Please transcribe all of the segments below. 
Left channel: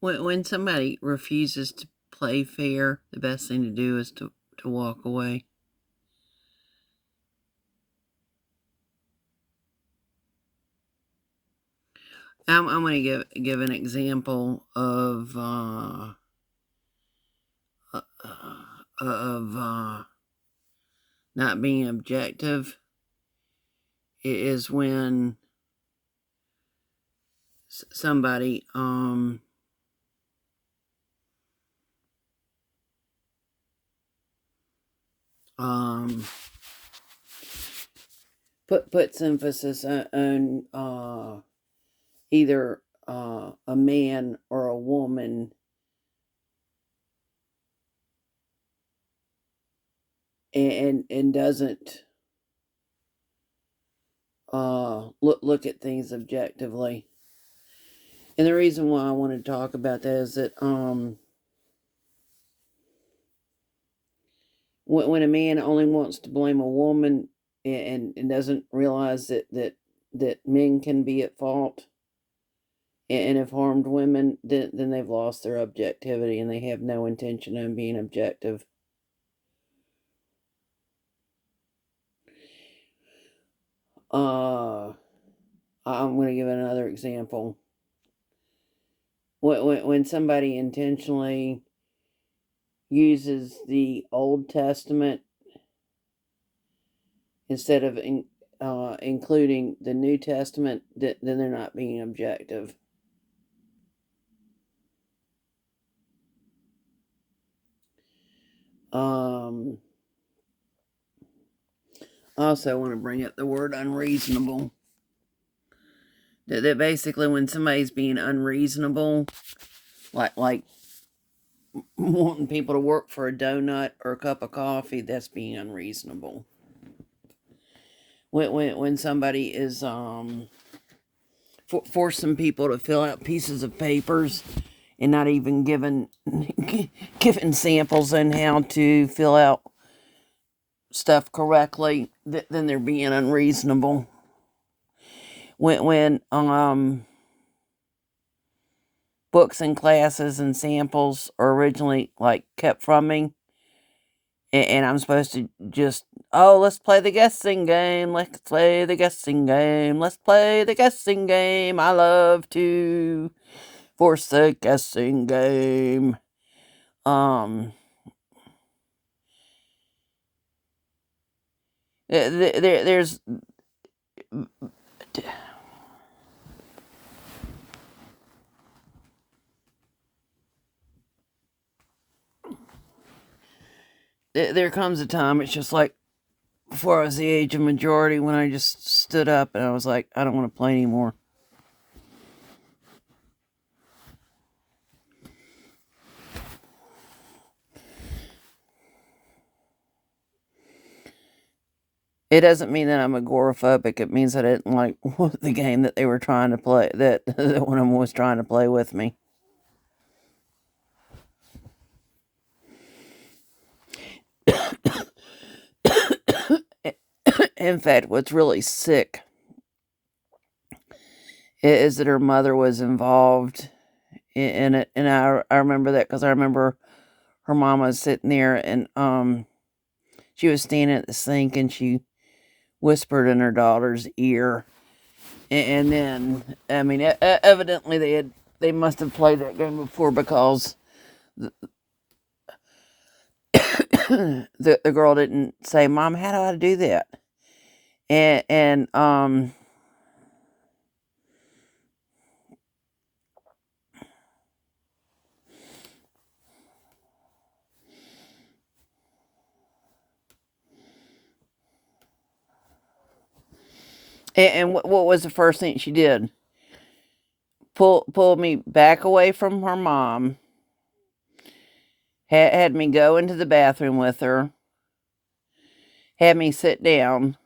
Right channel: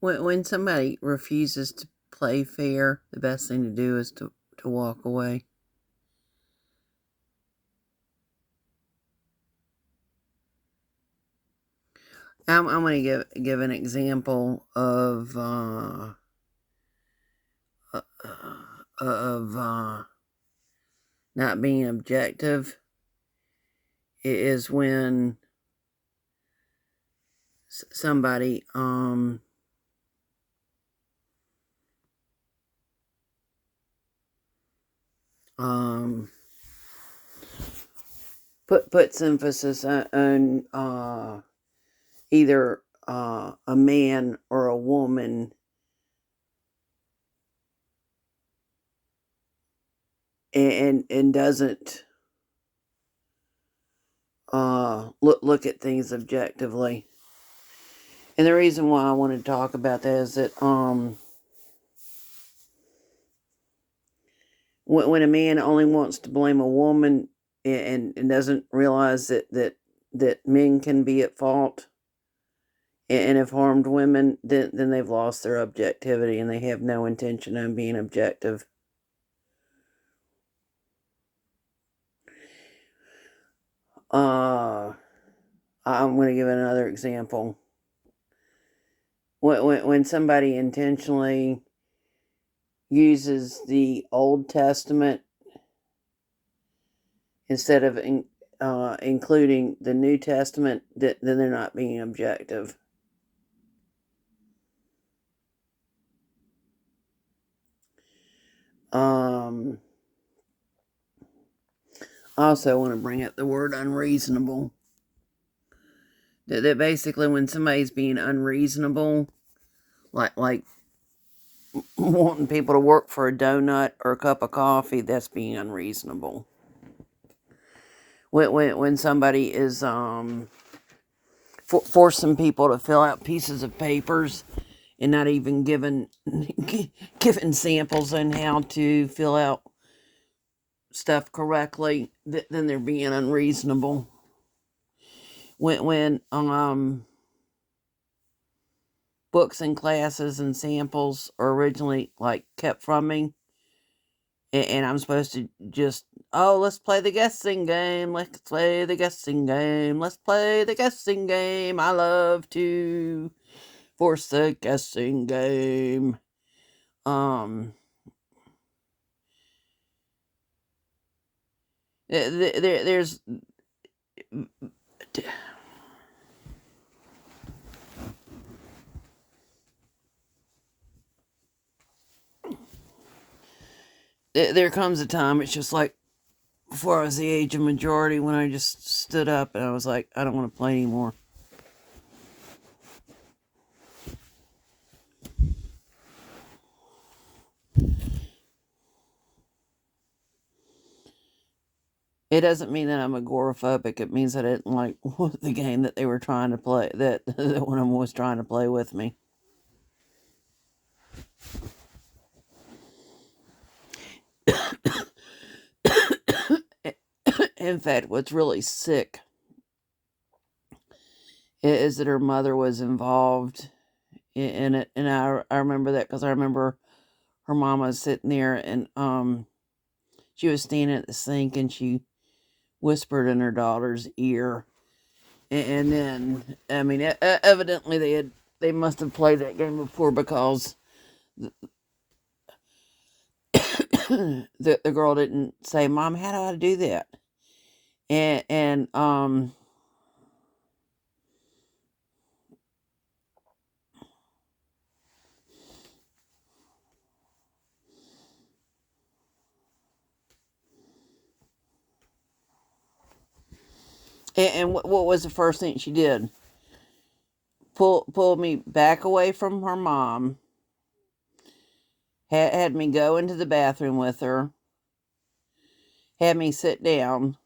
When somebody refuses to play fair, the best thing to do is to walk away. I'm going to give an example uh, of not being objective. It is when somebody um puts emphasis on either a man or a woman, and doesn't look at things objectively. And the reason why I want to talk about that is that when a man only wants to blame a woman, and doesn't realize that men can be at fault and have harmed women, then they've lost their objectivity and they have no intention of being objective. I'm going to give another example. When somebody intentionally uses the Old Testament instead of including the New Testament, then they're not being objective. I also want to bring up the word unreasonable. That basically, when somebody's being unreasonable, like wanting people to work for a donut or a cup of coffee, that's being unreasonable. When somebody is forcing people to fill out pieces of papers and not even giving samples on how to fill out stuff correctly, then they're being unreasonable. When books and classes and samples are originally like kept from me, and I'm supposed to just, oh, let's play the guessing game, let's play the guessing game, let's play the guessing game, I love to force the guessing game. There's there comes a time, it's just like before I was the age of majority, when I just stood up and I was like, I don't want to play anymore. It doesn't mean that I'm agoraphobic. It means that I didn't like the game that they were trying to play, that one of them was trying to play with me. In fact, what's really sick is that her mother was involved in it, and I remember that because I remember her mom was sitting there, and she was standing at the sink and she whispered in her daughter's ear, and then I mean, evidently they must have played that game before, because the girl didn't say, "Mom, how do I do that?" And what was the first thing she did? Pull me back away from her mom. Had me go into the bathroom with her. Had me sit down.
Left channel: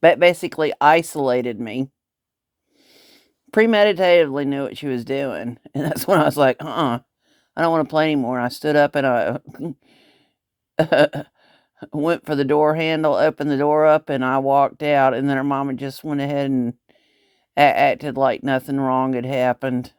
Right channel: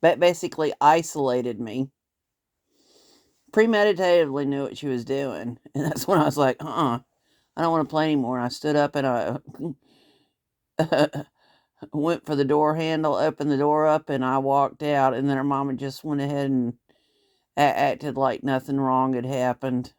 But basically isolated me. Premeditatively knew what she was doing, and that's when I was like, I don't want to play anymore. I stood up and I went for the door handle, opened the door up, and I walked out. And then her mama just went ahead and acted like nothing wrong had happened.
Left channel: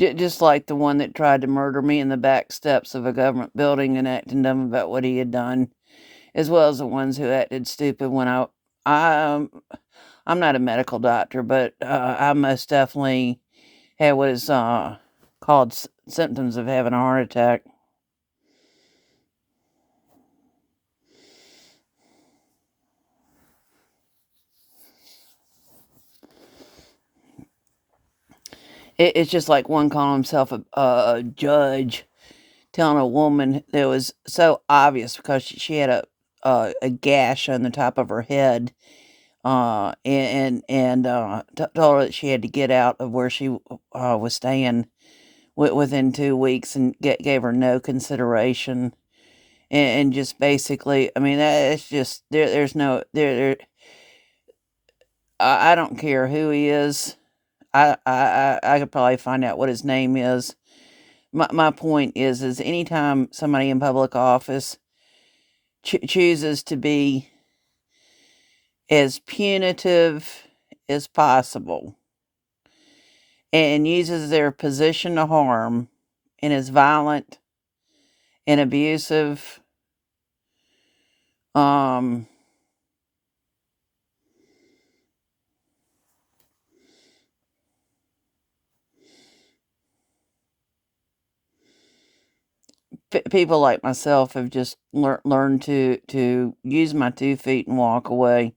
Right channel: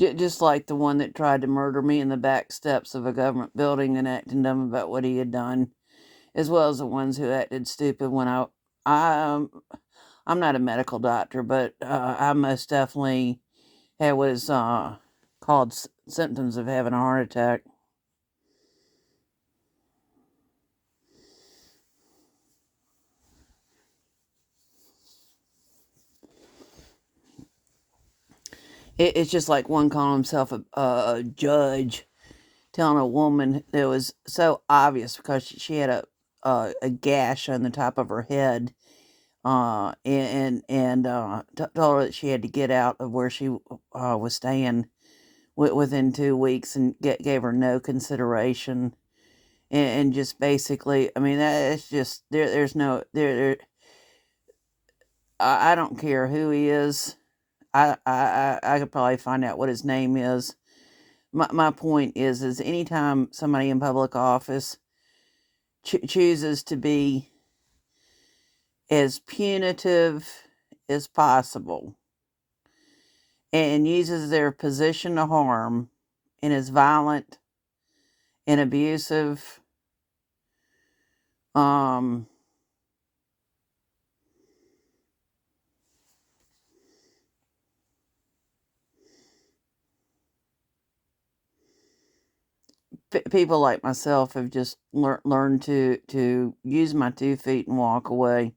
Just like the one that tried to murder me in the back steps of a government building and acting dumb about what he had done, as well as the ones who acted stupid when I I'm not a medical doctor, but I most definitely had what is called symptoms of having a heart attack. It's just like one calling himself a judge, telling a woman that was so obvious because she had a gash on the top of her head, and told her that she had to get out of where she was staying within 2 weeks, and gave her no consideration, and just basically, I mean, it's just there's no there. I don't care who he is. I could probably find out what his name is. My point is anytime somebody in public office chooses to be as punitive as possible and uses their position to harm and is violent and abusive, um people like myself have just learned to use my 2 feet and walk away.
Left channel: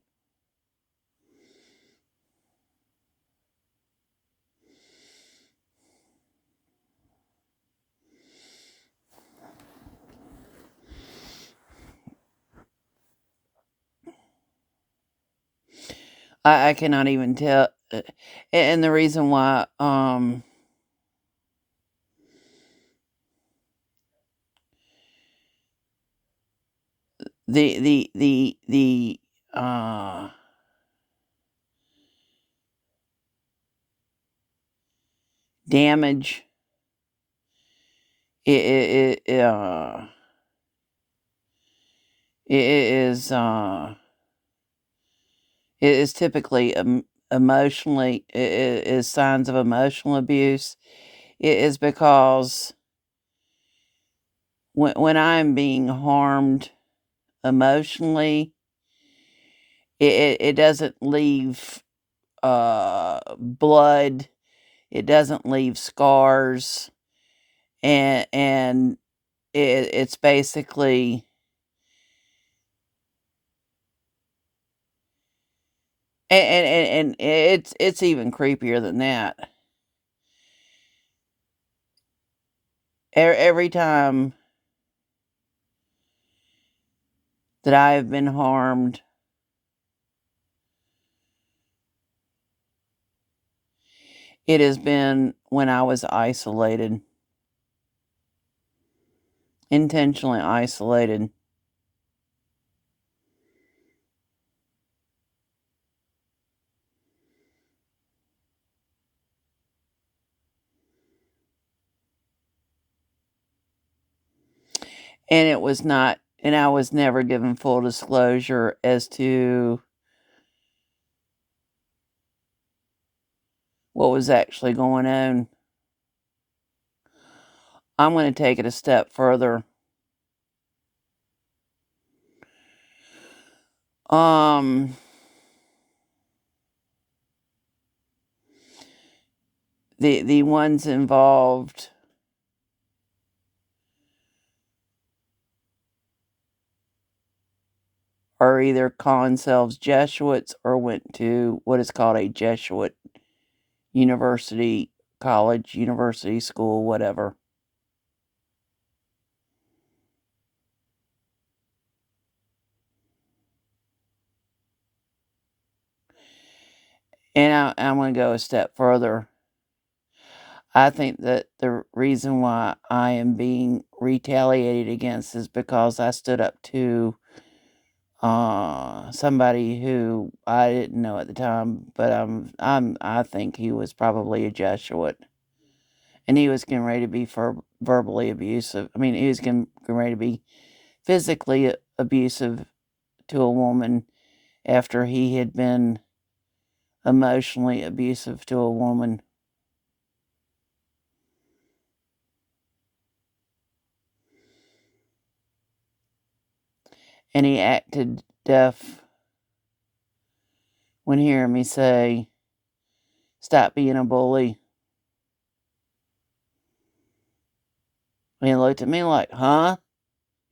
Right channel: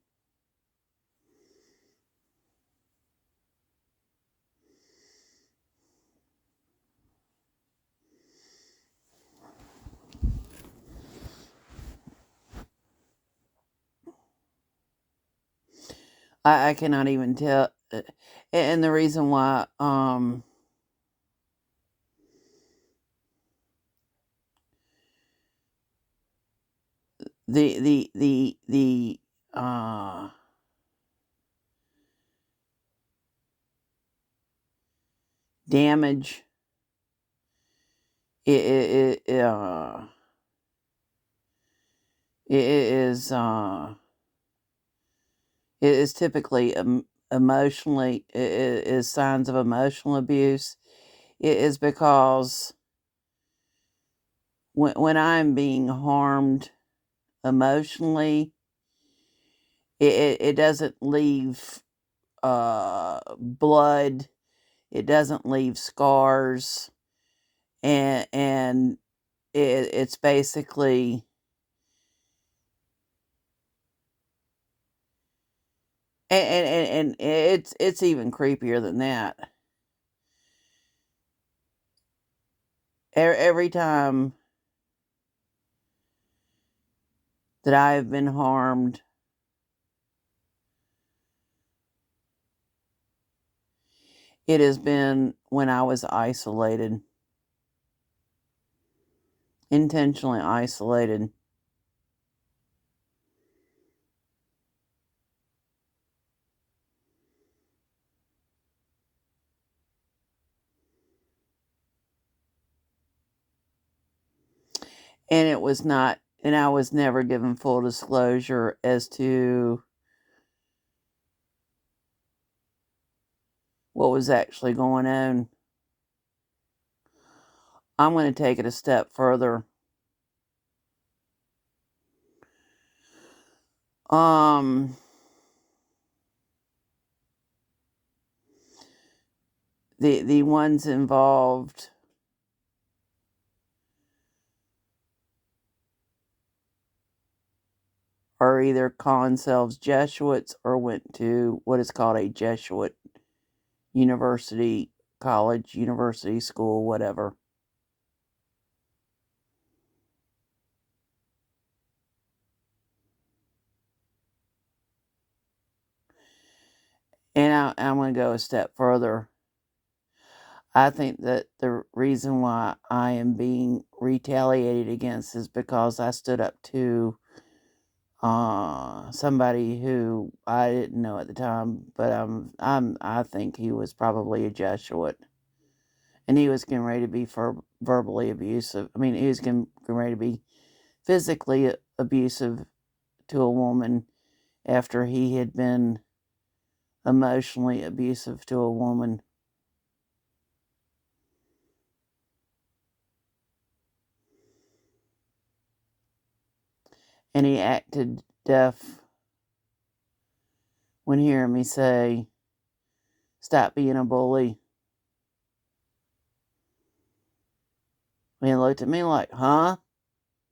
I cannot even tell, and the reason why, the damage it it is it is typically emotionally is signs of emotional abuse. It is because when I'm being harmed emotionally, it doesn't leave blood, it doesn't leave scars, and it's basically, and it's even creepier than that. Every time that I have been harmed, it has been when I was isolated, intentionally isolated. And it was not, and I was never given full disclosure as to what was actually going on. I'm going to take it a step further. Um, the ones involved are either calling themselves Jesuits or went to what is called a Jesuit university, college, university, school, whatever. And I'm going to go a step further. I think that the reason why I am being retaliated against is because I stood up to somebody who I didn't know at the time, but I think he was probably a Jesuit, and he was getting ready to be verbally abusive. I mean, he was getting ready to be physically abusive to a woman after he had been emotionally abusive to a woman. and he acted deaf when hearing me say, "Stop being a bully." And he looked at me like, "Huh?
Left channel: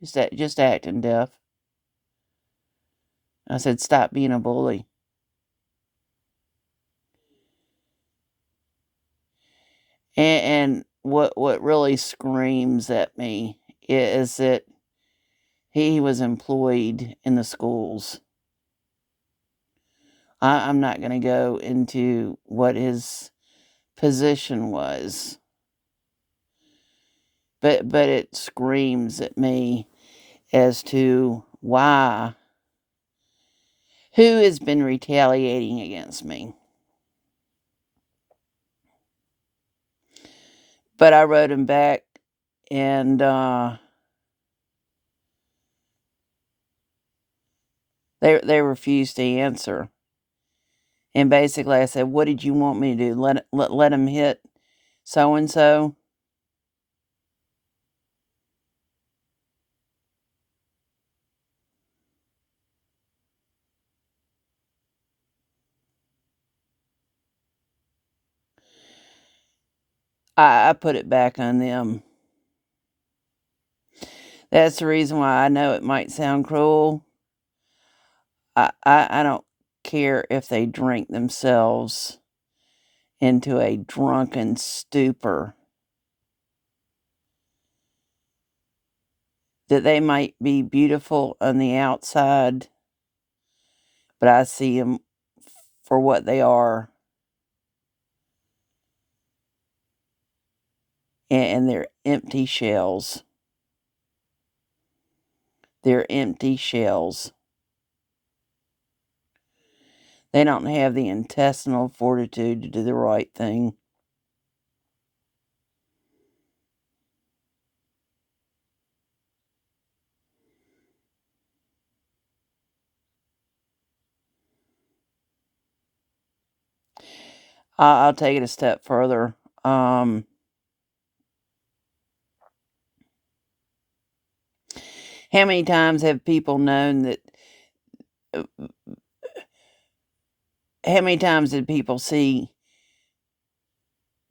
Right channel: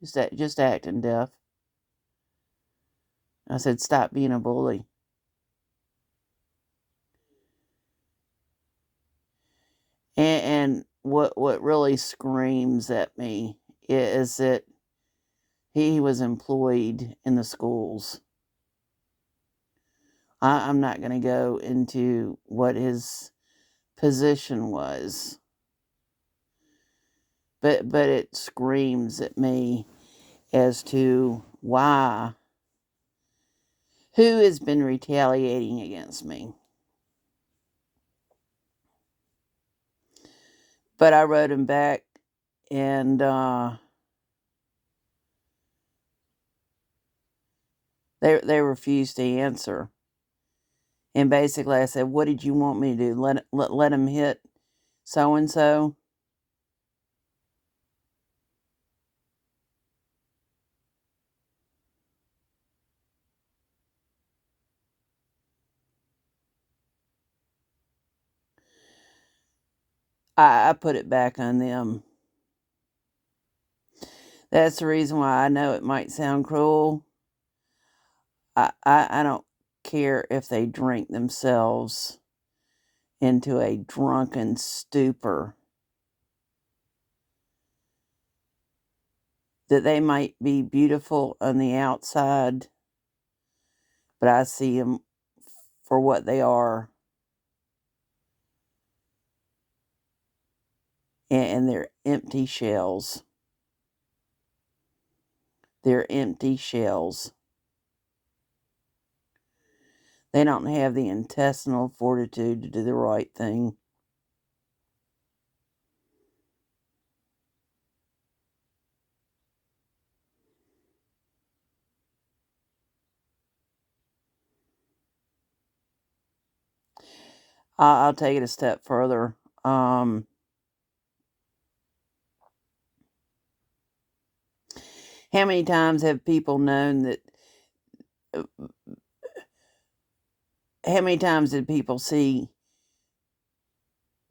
Just acting deaf." I said, "Stop being a bully." And what really screams at me is that he was employed in the schools. I'm not going to go into what his position was, but it screams at me as to why, who has been retaliating against me. But I wrote him back, and they refused to answer. And basically, I said, "What did you want me to do? Let him hit so and so?" I put it back on them. That's the reason why I know it might sound cruel. I don't care if they drink themselves into a drunken stupor. That they might be beautiful on the outside, but I see them for what they are, and they're empty shells. They're empty shells. They don't have the intestinal fortitude to do the right thing. I'll take it a step further. How many times have people known that? How many times did people see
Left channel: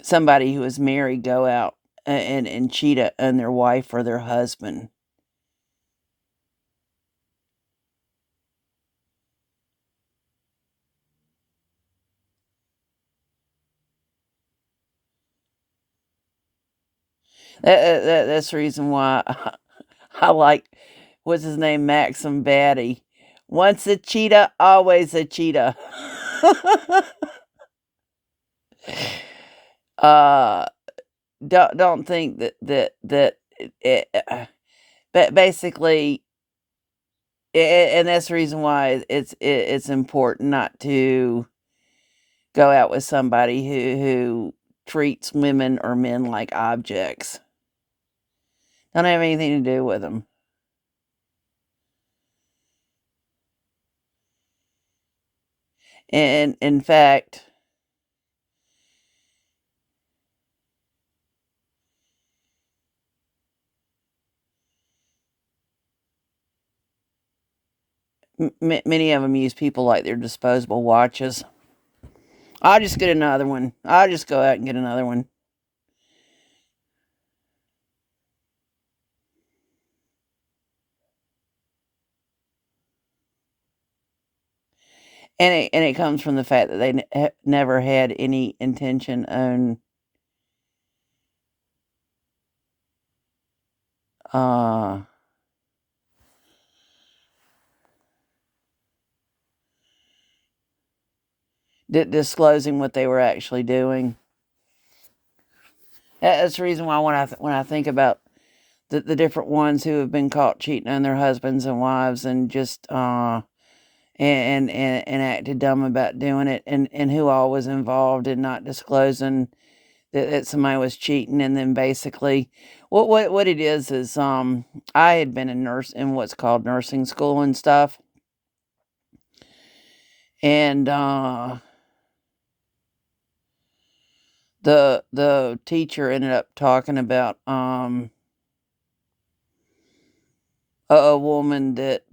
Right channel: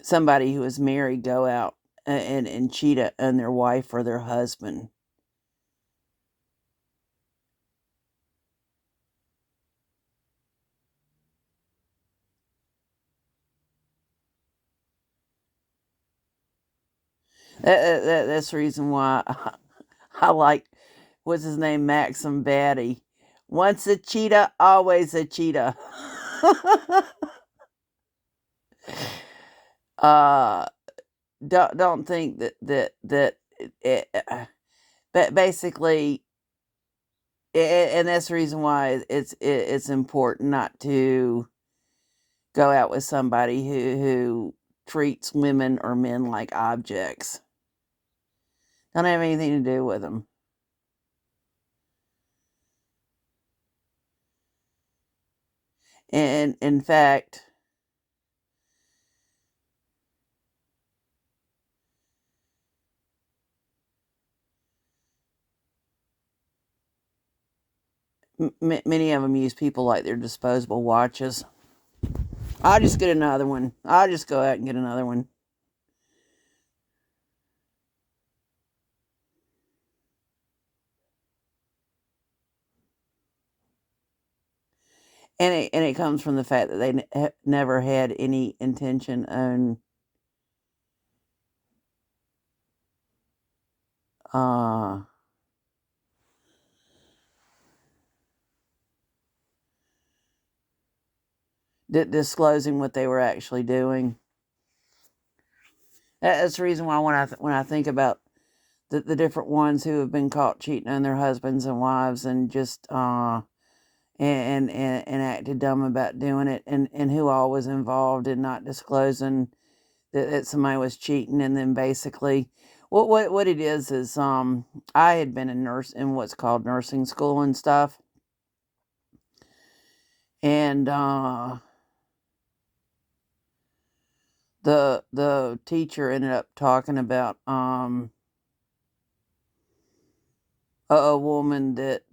somebody who is married go out and cheat on their wife or their husband? That's the reason why I like, what's his name, Maxim Batty. Once a cheetah, always a cheetah. uh, don't think that but basically, and that's the reason why it's important not to go out with somebody who treats women or men like objects. Don't have anything to do with them. And in fact, many of them use people like they're disposable watches. I'll just get another one. I'll just go out and get another one. And it comes from the fact that they never had any intention on uh disclosing what they were actually doing. That's the reason why when I think about the different ones who have been caught cheating on their husbands and wives and just and acted dumb about doing it, and who all was involved in not disclosing that somebody was cheating, and then basically what it is I had been in what's called nursing school and stuff, and the teacher ended up talking about a woman that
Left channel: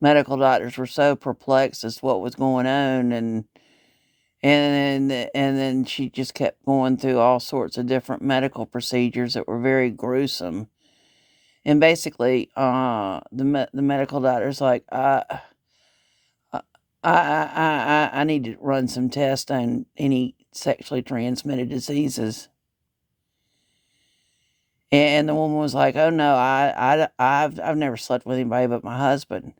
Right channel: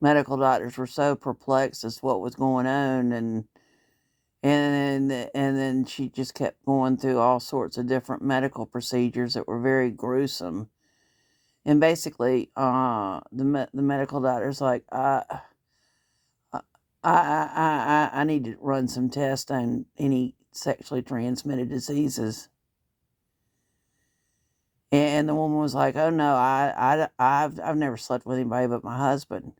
medical doctors were so perplexed as to what was going on, and then she just kept going through all sorts of different medical procedures that were very gruesome. And basically, the medical doctor's like, I, I need to run some tests on any sexually transmitted diseases. And the woman was like, "Oh no, I've never slept with anybody but my husband."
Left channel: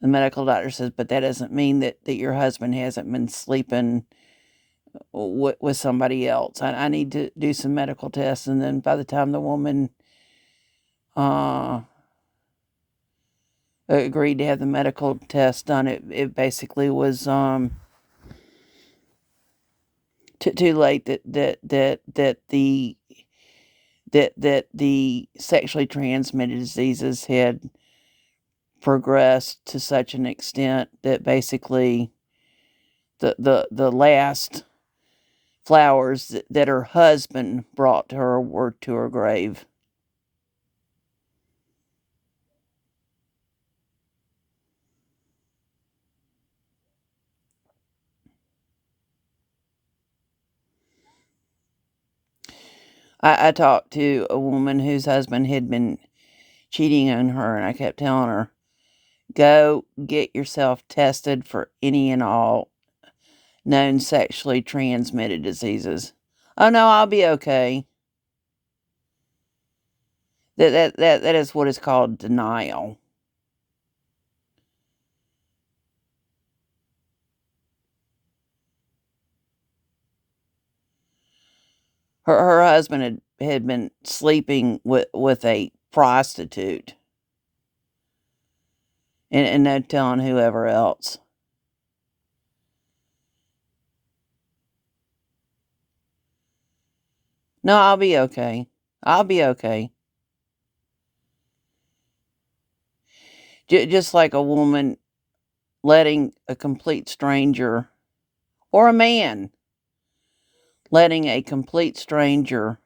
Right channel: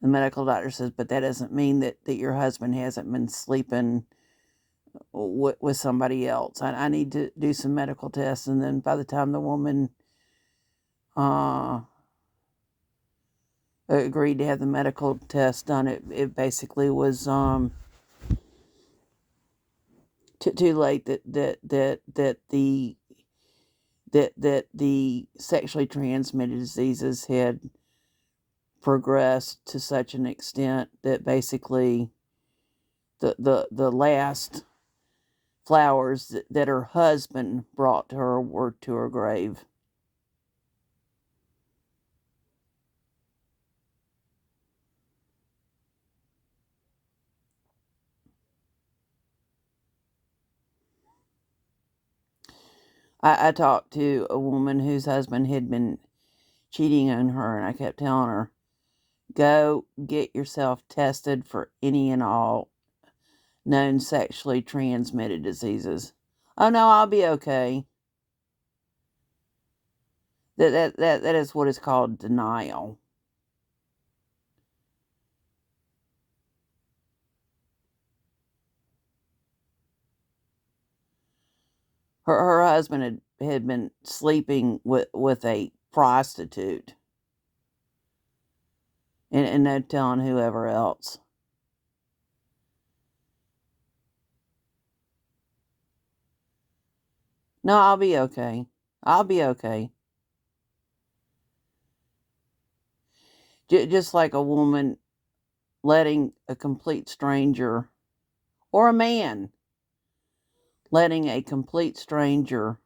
The medical doctor says, "But that doesn't mean that your husband hasn't been sleeping with somebody else. I need to do some medical tests." And then by the time the woman uh, agreed to have the medical test done, it basically was too late that the sexually transmitted diseases had progressed to such an extent that basically the last flowers that her husband brought to her were to her grave. I talked to a woman whose husband had been cheating on her, and I kept telling her, go get yourself tested for any and all known sexually transmitted diseases. Oh no, I'll be okay. That is what is called denial. Her husband had been sleeping with a prostitute, and no telling whoever else. No, I'll be okay. I'll be okay. Just like a woman letting a complete stranger, or a man letting a complete stranger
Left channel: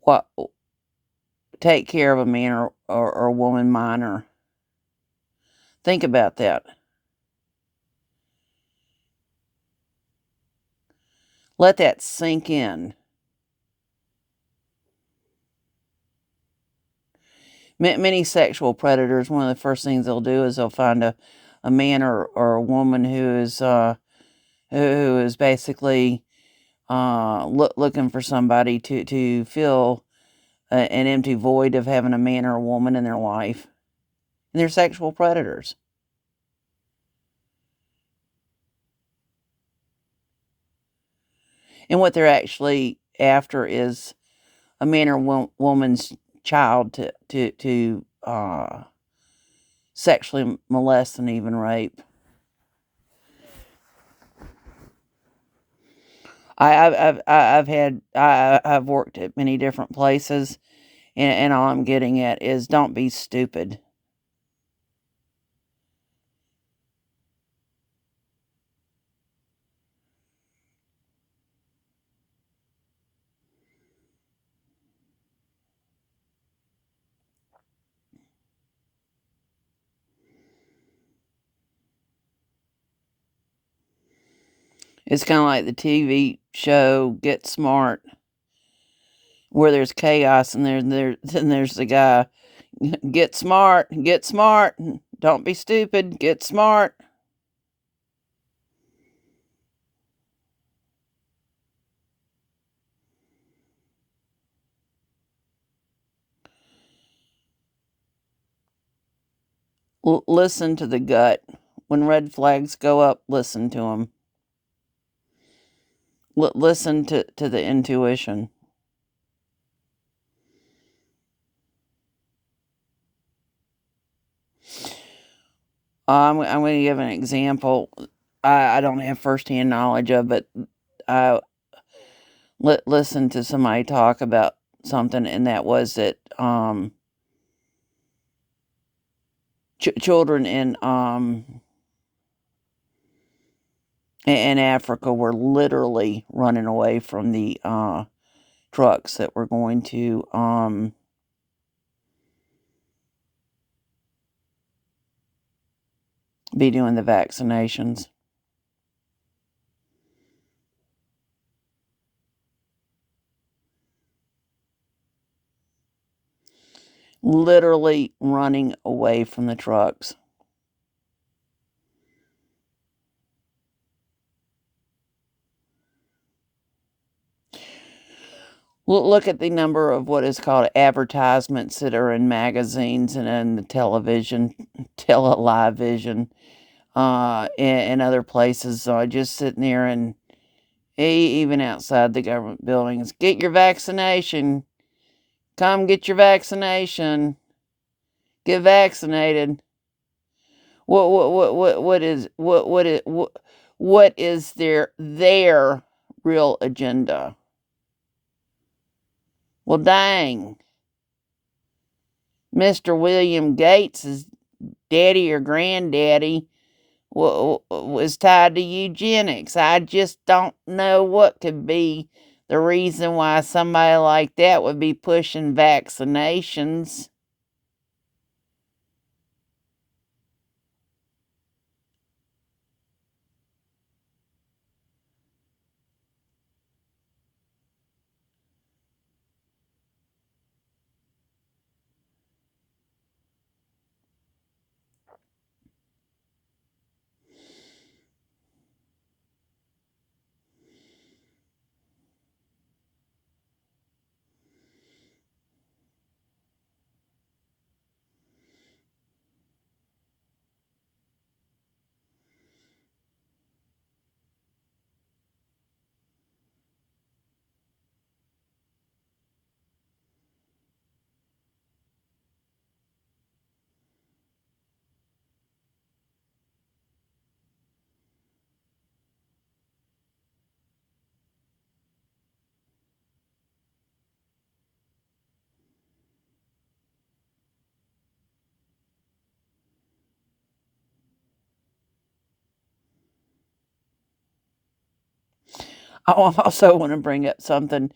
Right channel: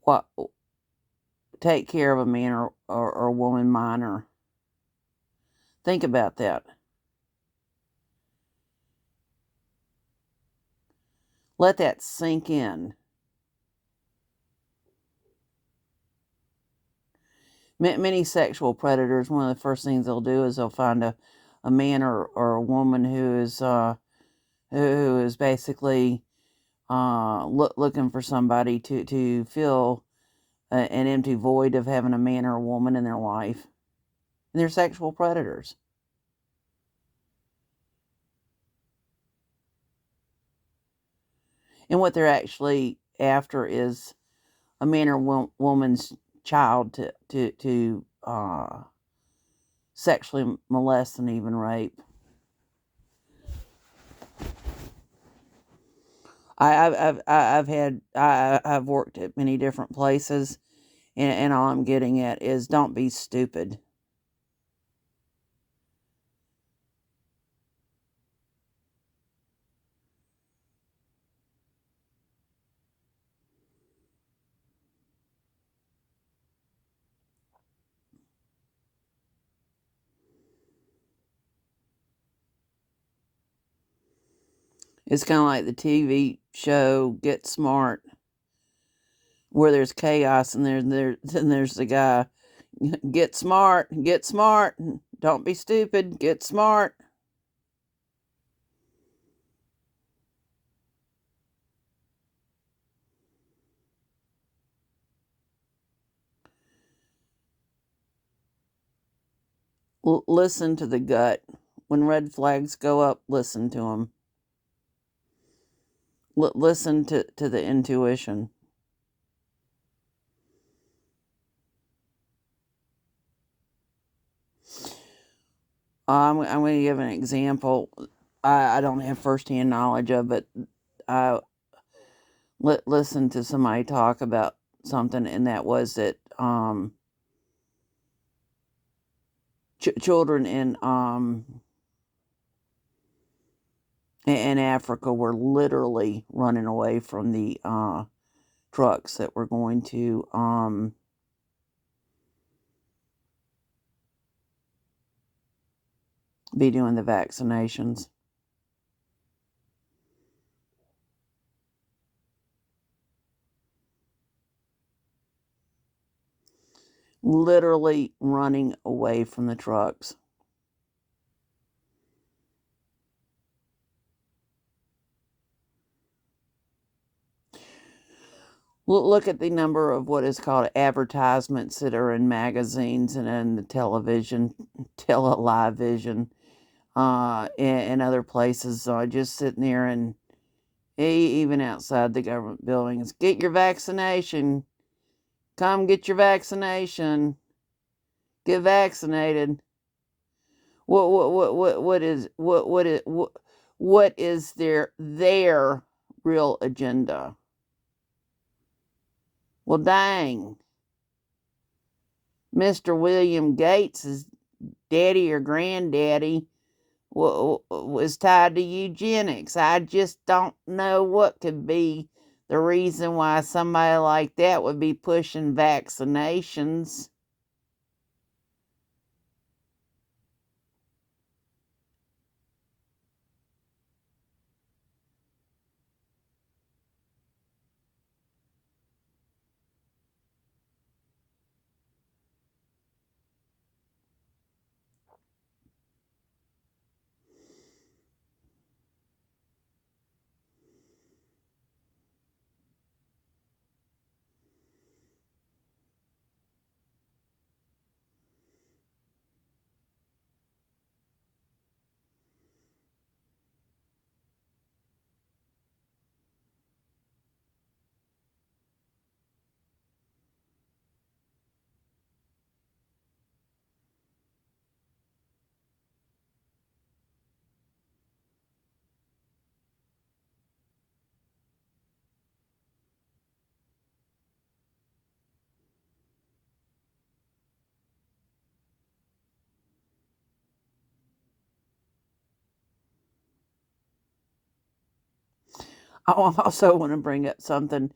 what take care of a man or a woman minor. Think about that. Let that sink in. Many sexual predators, one of the first things they'll do is they'll find a man or a woman who is basically looking for somebody to fill an empty void of having a man or a woman in their life. And they're sexual predators. And what they're actually after is a man or woman's child to sexually molest and even rape. I've worked at many different places, and all I'm getting at is don't be stupid. It's kind of like the TV show Get Smart, where there's chaos and then there's the guy, get smart, don't be stupid, get smart. Listen to the gut. When red flags go up, listen to them. Listen to the intuition. I'm going to give an example. I don't have firsthand knowledge of, but I listened to somebody talk about something, and that was that children in in Africa were literally running away from the trucks that were going to be doing the vaccinations. Literally running away from the trucks. Look at the number of what is called advertisements that are in magazines and in the television, television, and other places. Just sitting there and even outside the government buildings, get your vaccination. Come get your vaccination. Get vaccinated. What is their real agenda? Well, dang. Mr. William Gates' daddy or granddaddy was tied to eugenics. I just don't know what could be the reason why somebody like that would be pushing vaccinations. I also want to bring up something.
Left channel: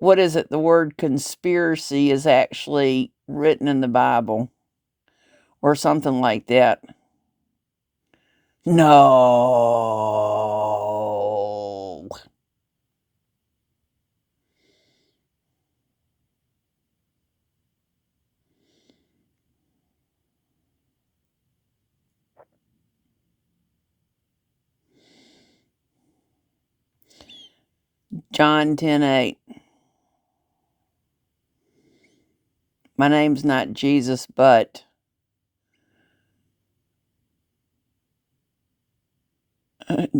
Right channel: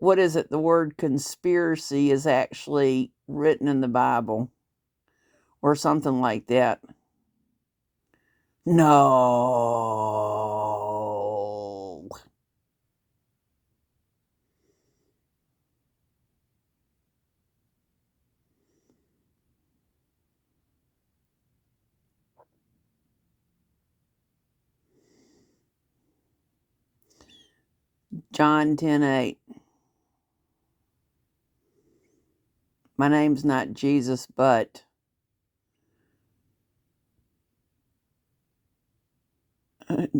What is it? The word conspiracy is actually written in the Bible or something like that. No. John 10:8. My name's not Jesus, but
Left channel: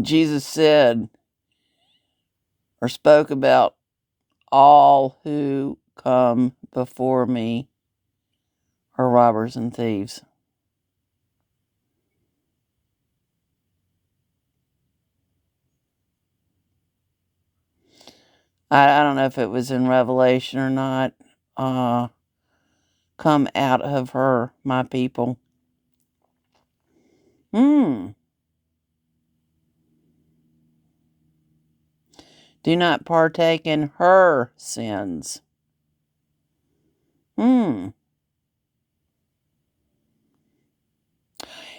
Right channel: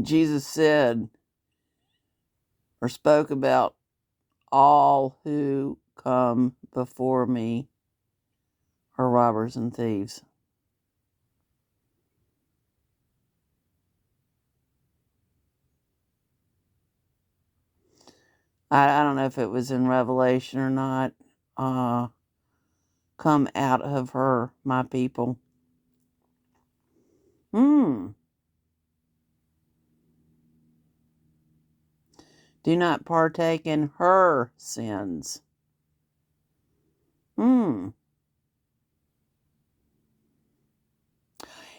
Jesus said or spoke about all who come before me are robbers and thieves. I don't know if it was in Revelation or not. Come out of her, my people. Do not partake in her sins.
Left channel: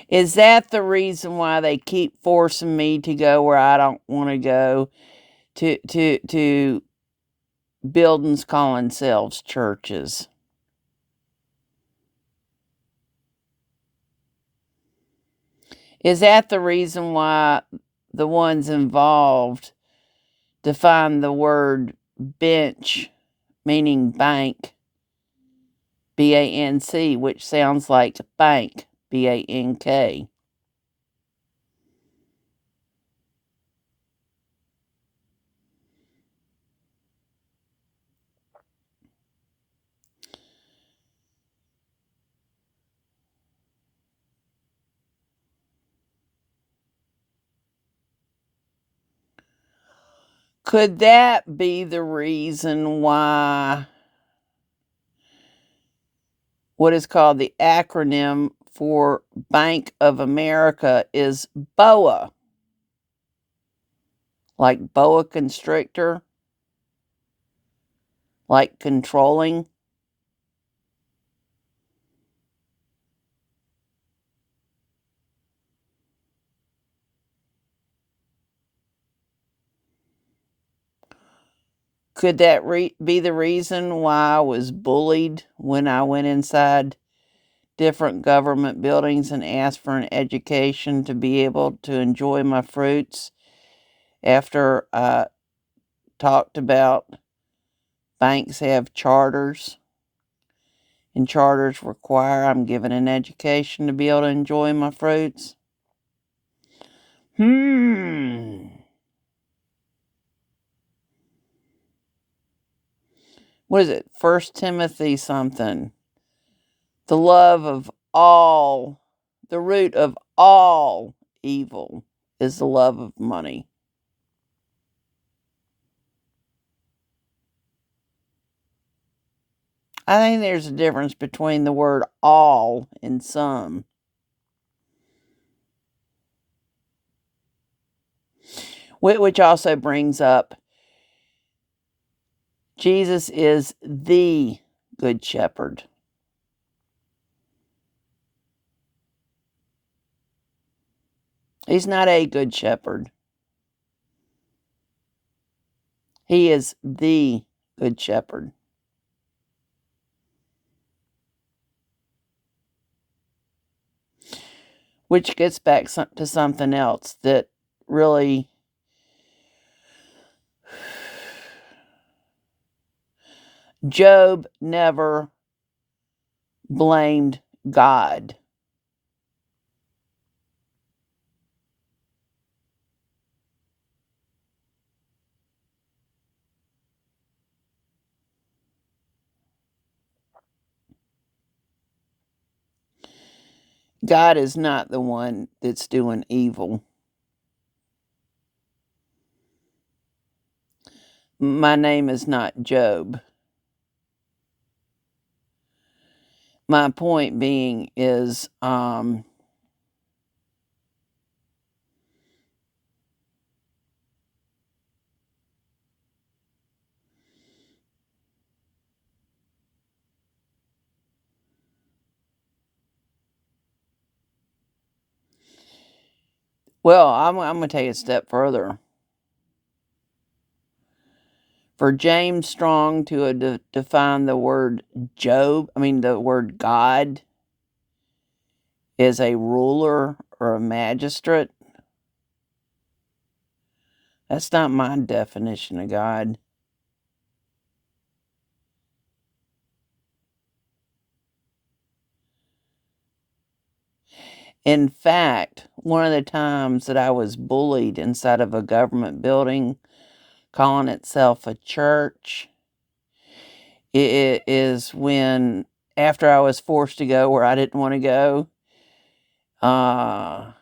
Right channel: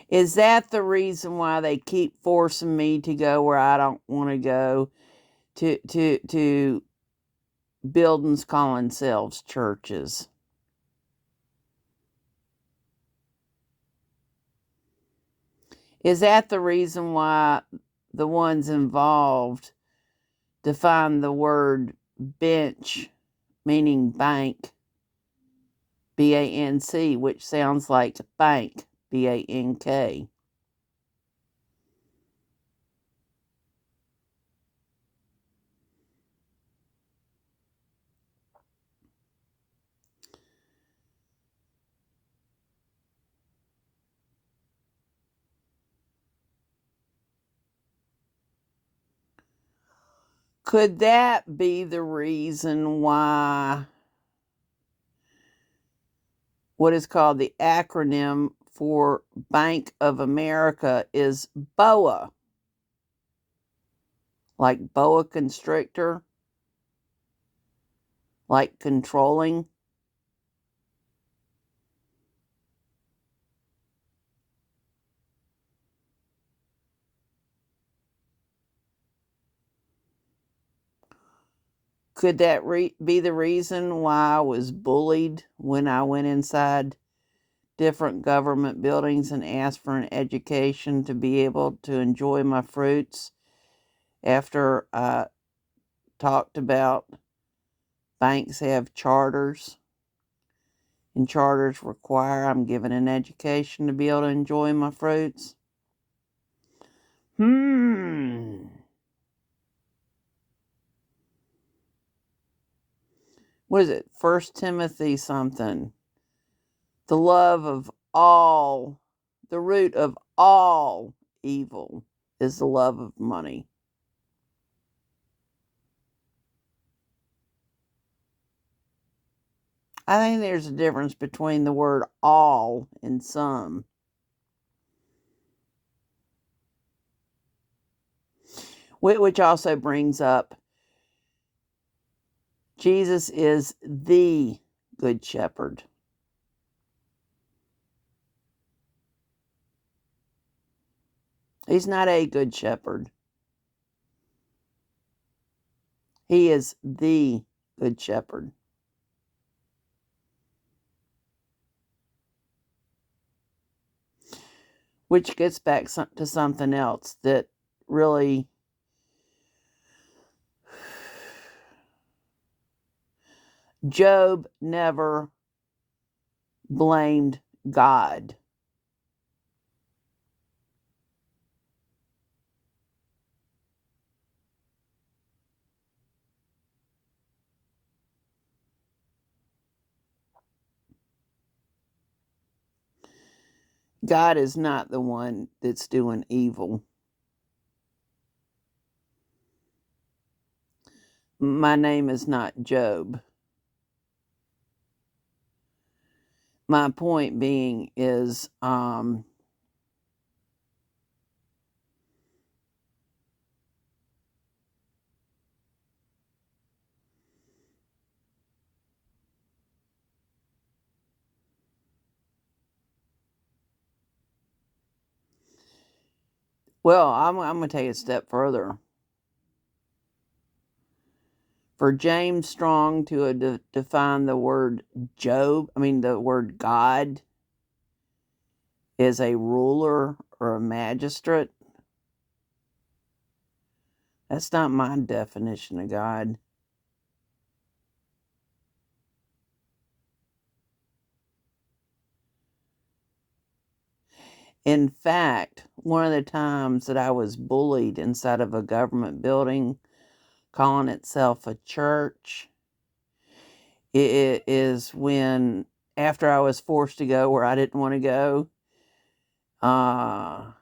Is that the reason why they keep forcing me to go where I don't want to go? To buildings calling themselves churches. Is that the reason why the ones involved define the word bench, meaning bank, BANC, which sounds like bank, BANK? Could that be the reason why what is called the acronym for Bank of America is BOA? like boa constrictor, like controlling. Could that be the reason why I was bullied when I went inside different government buildings and asked for an education to be able to enjoy my fruits after I talked about banks have charters and charters require I'm given an education to be able to enjoy my fruits? What is it? First Timothy something. The love of all, the root of all evil is the love of money. I think there's a difference between the word all and some. Which also brings up Jesus is the Good Shepherd. He's not a Good Shepherd. He is the Good Shepherd. Which gets back to something else that really Job never blamed God. God is not the one that's doing evil. My name is not Job. My point being is, well, I'm going to take it a step further. For James Strong to define the word the word God as a ruler or a magistrate, that's not my definition of God. In fact, one of the times that I was bullied inside of a government building calling itself a church, it is when, after I was forced to go where I didn't want to go, I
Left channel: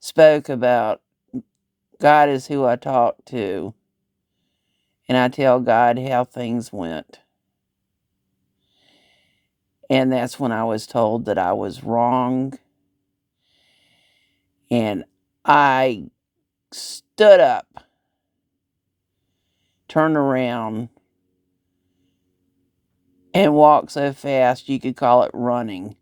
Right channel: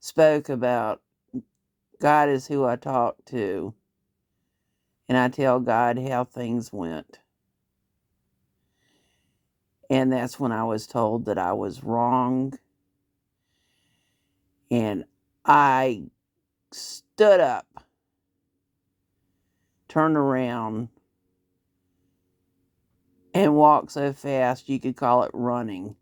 spoke about God is who I talk to, and I tell God how things went. And that's when I was told that I was wrong. And I stood up, turned around, and walked so fast you could call it running.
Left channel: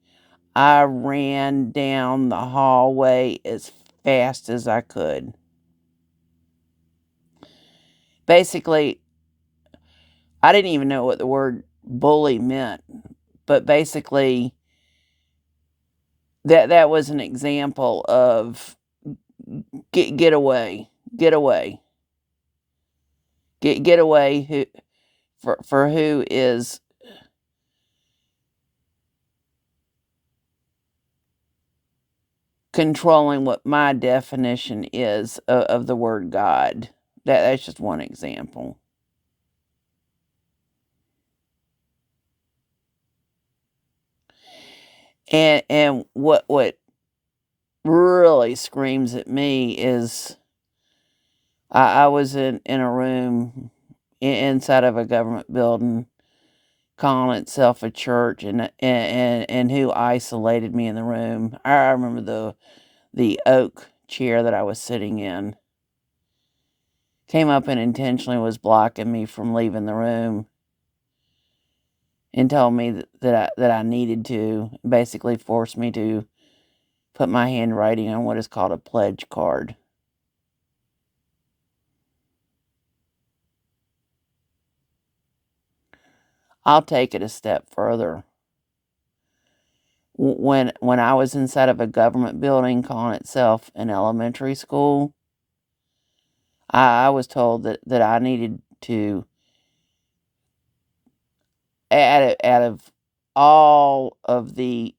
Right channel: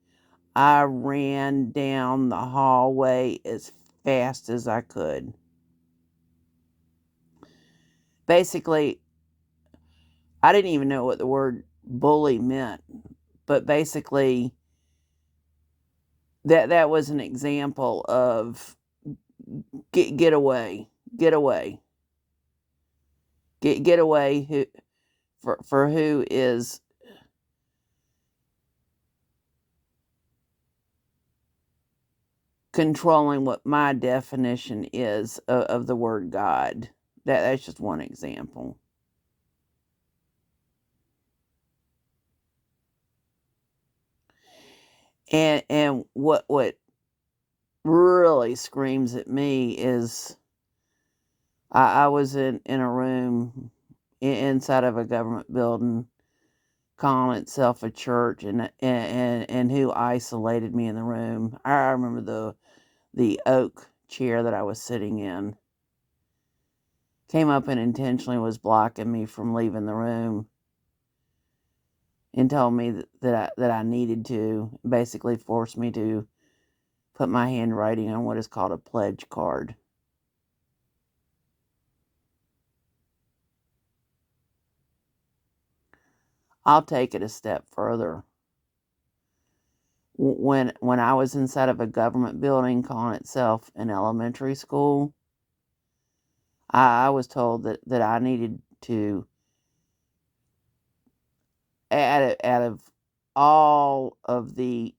I ran down the hallway as fast as I could. Basically, I didn't even know what the word bully meant, but basically, that was an example of get away, get away, get away. Who for who is controlling what my definition is of the word God. That's just one example. And what really screams at me is I was in a room inside of a government building calling itself a church, and who isolated me in the room. I remember the oak chair that I was sitting in came up and intentionally was blocking me from leaving the room, and told me that I needed to, basically forced me to put my handwriting on what is called a pledge card. I'll take it a step further. When I was inside of a government building calling itself an elementary school, I was told that I needed to, out of all of the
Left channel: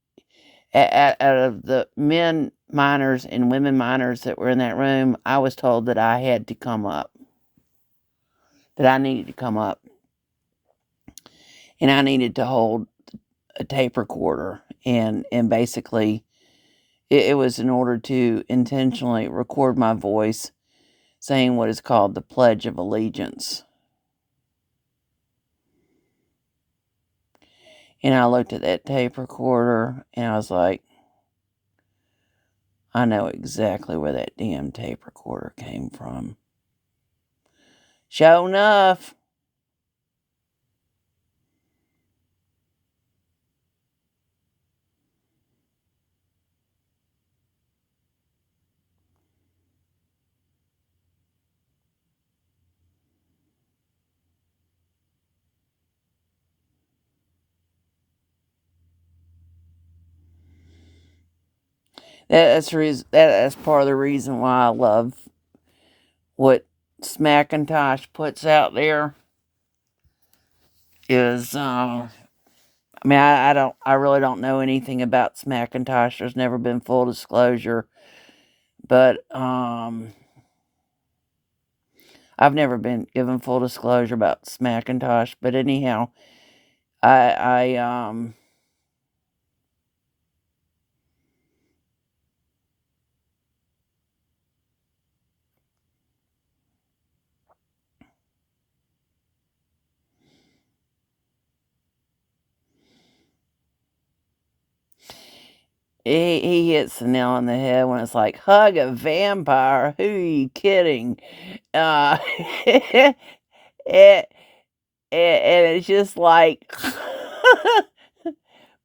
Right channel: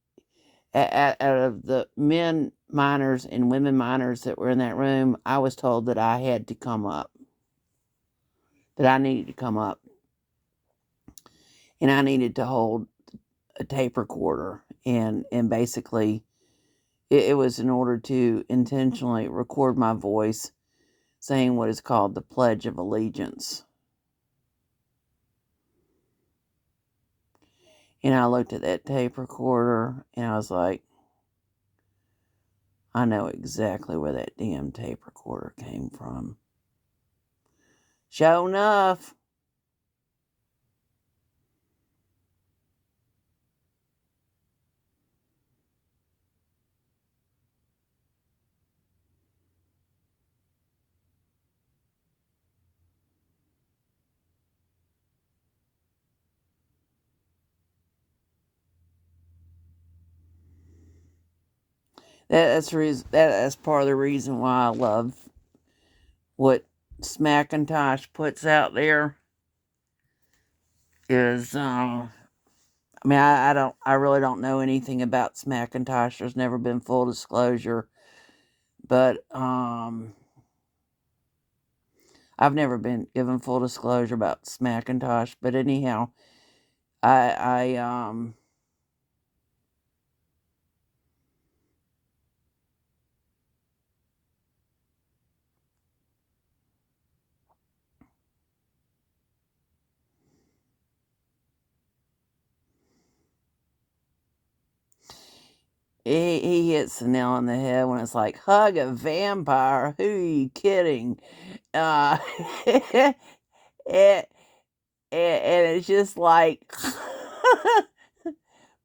out of the men minors and women minors that were in that room, I was told that I had to come up, that I needed to come up, and I needed to hold a tape recorder, and basically it was in order to intentionally record my voice saying what is called the Pledge of Allegiance. And I looked at that tape recorder and I was like, I know exactly where that damn tape recorder came from. Sure enough. That's part of the reason why I love what Smackintosh puts out there. Is I really don't know anything about Smackintosh. There's never been full disclosure, but I've never been given full disclosure about Smackintosh. But anyhow, I he hits the nail on the head when it's like, hug a vampire. Who are you kidding? It, and it's just like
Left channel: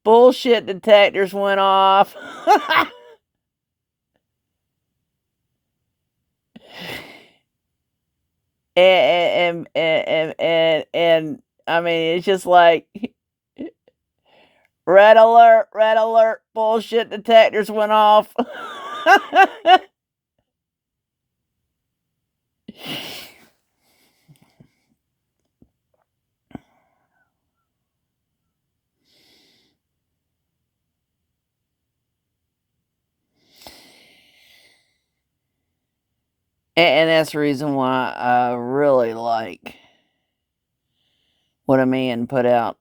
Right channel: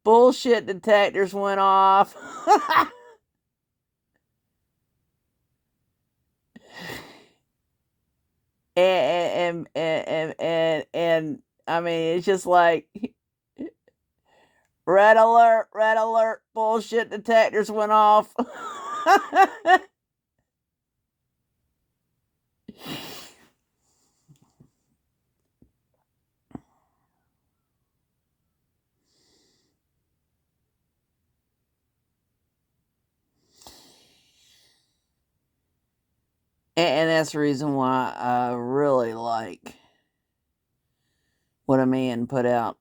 bullshit detectors went off. And I mean, it's just like red alert, bullshit detectors went off. And that's the reason why I really like what a man put out,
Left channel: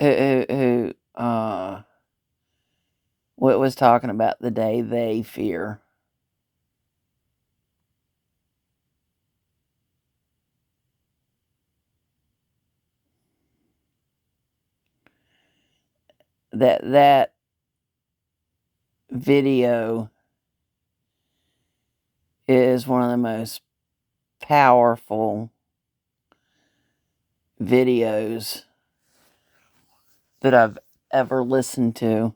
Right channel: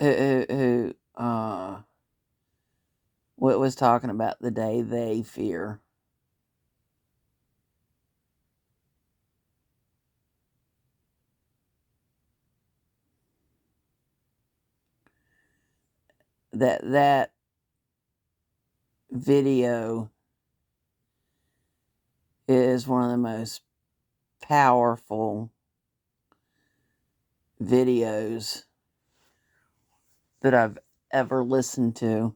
who what was talking about the day they fear. That video is one of the most powerful videos that I've ever listened to.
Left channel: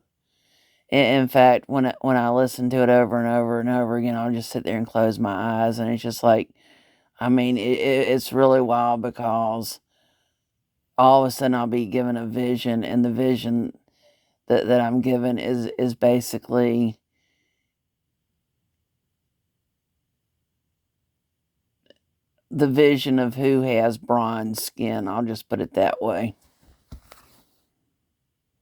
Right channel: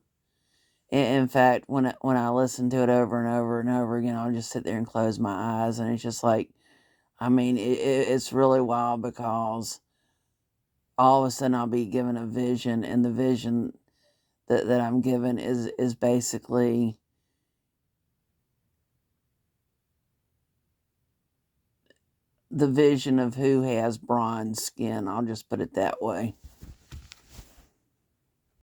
In fact, when I listen to it over and over and over again, I'll just sit there and close my eyes, and it's just like, I mean, it's really wild because all of a sudden I'll be given a vision, and the vision that I'm given is basically the vision of who has bronze skin. I'll just put it that way.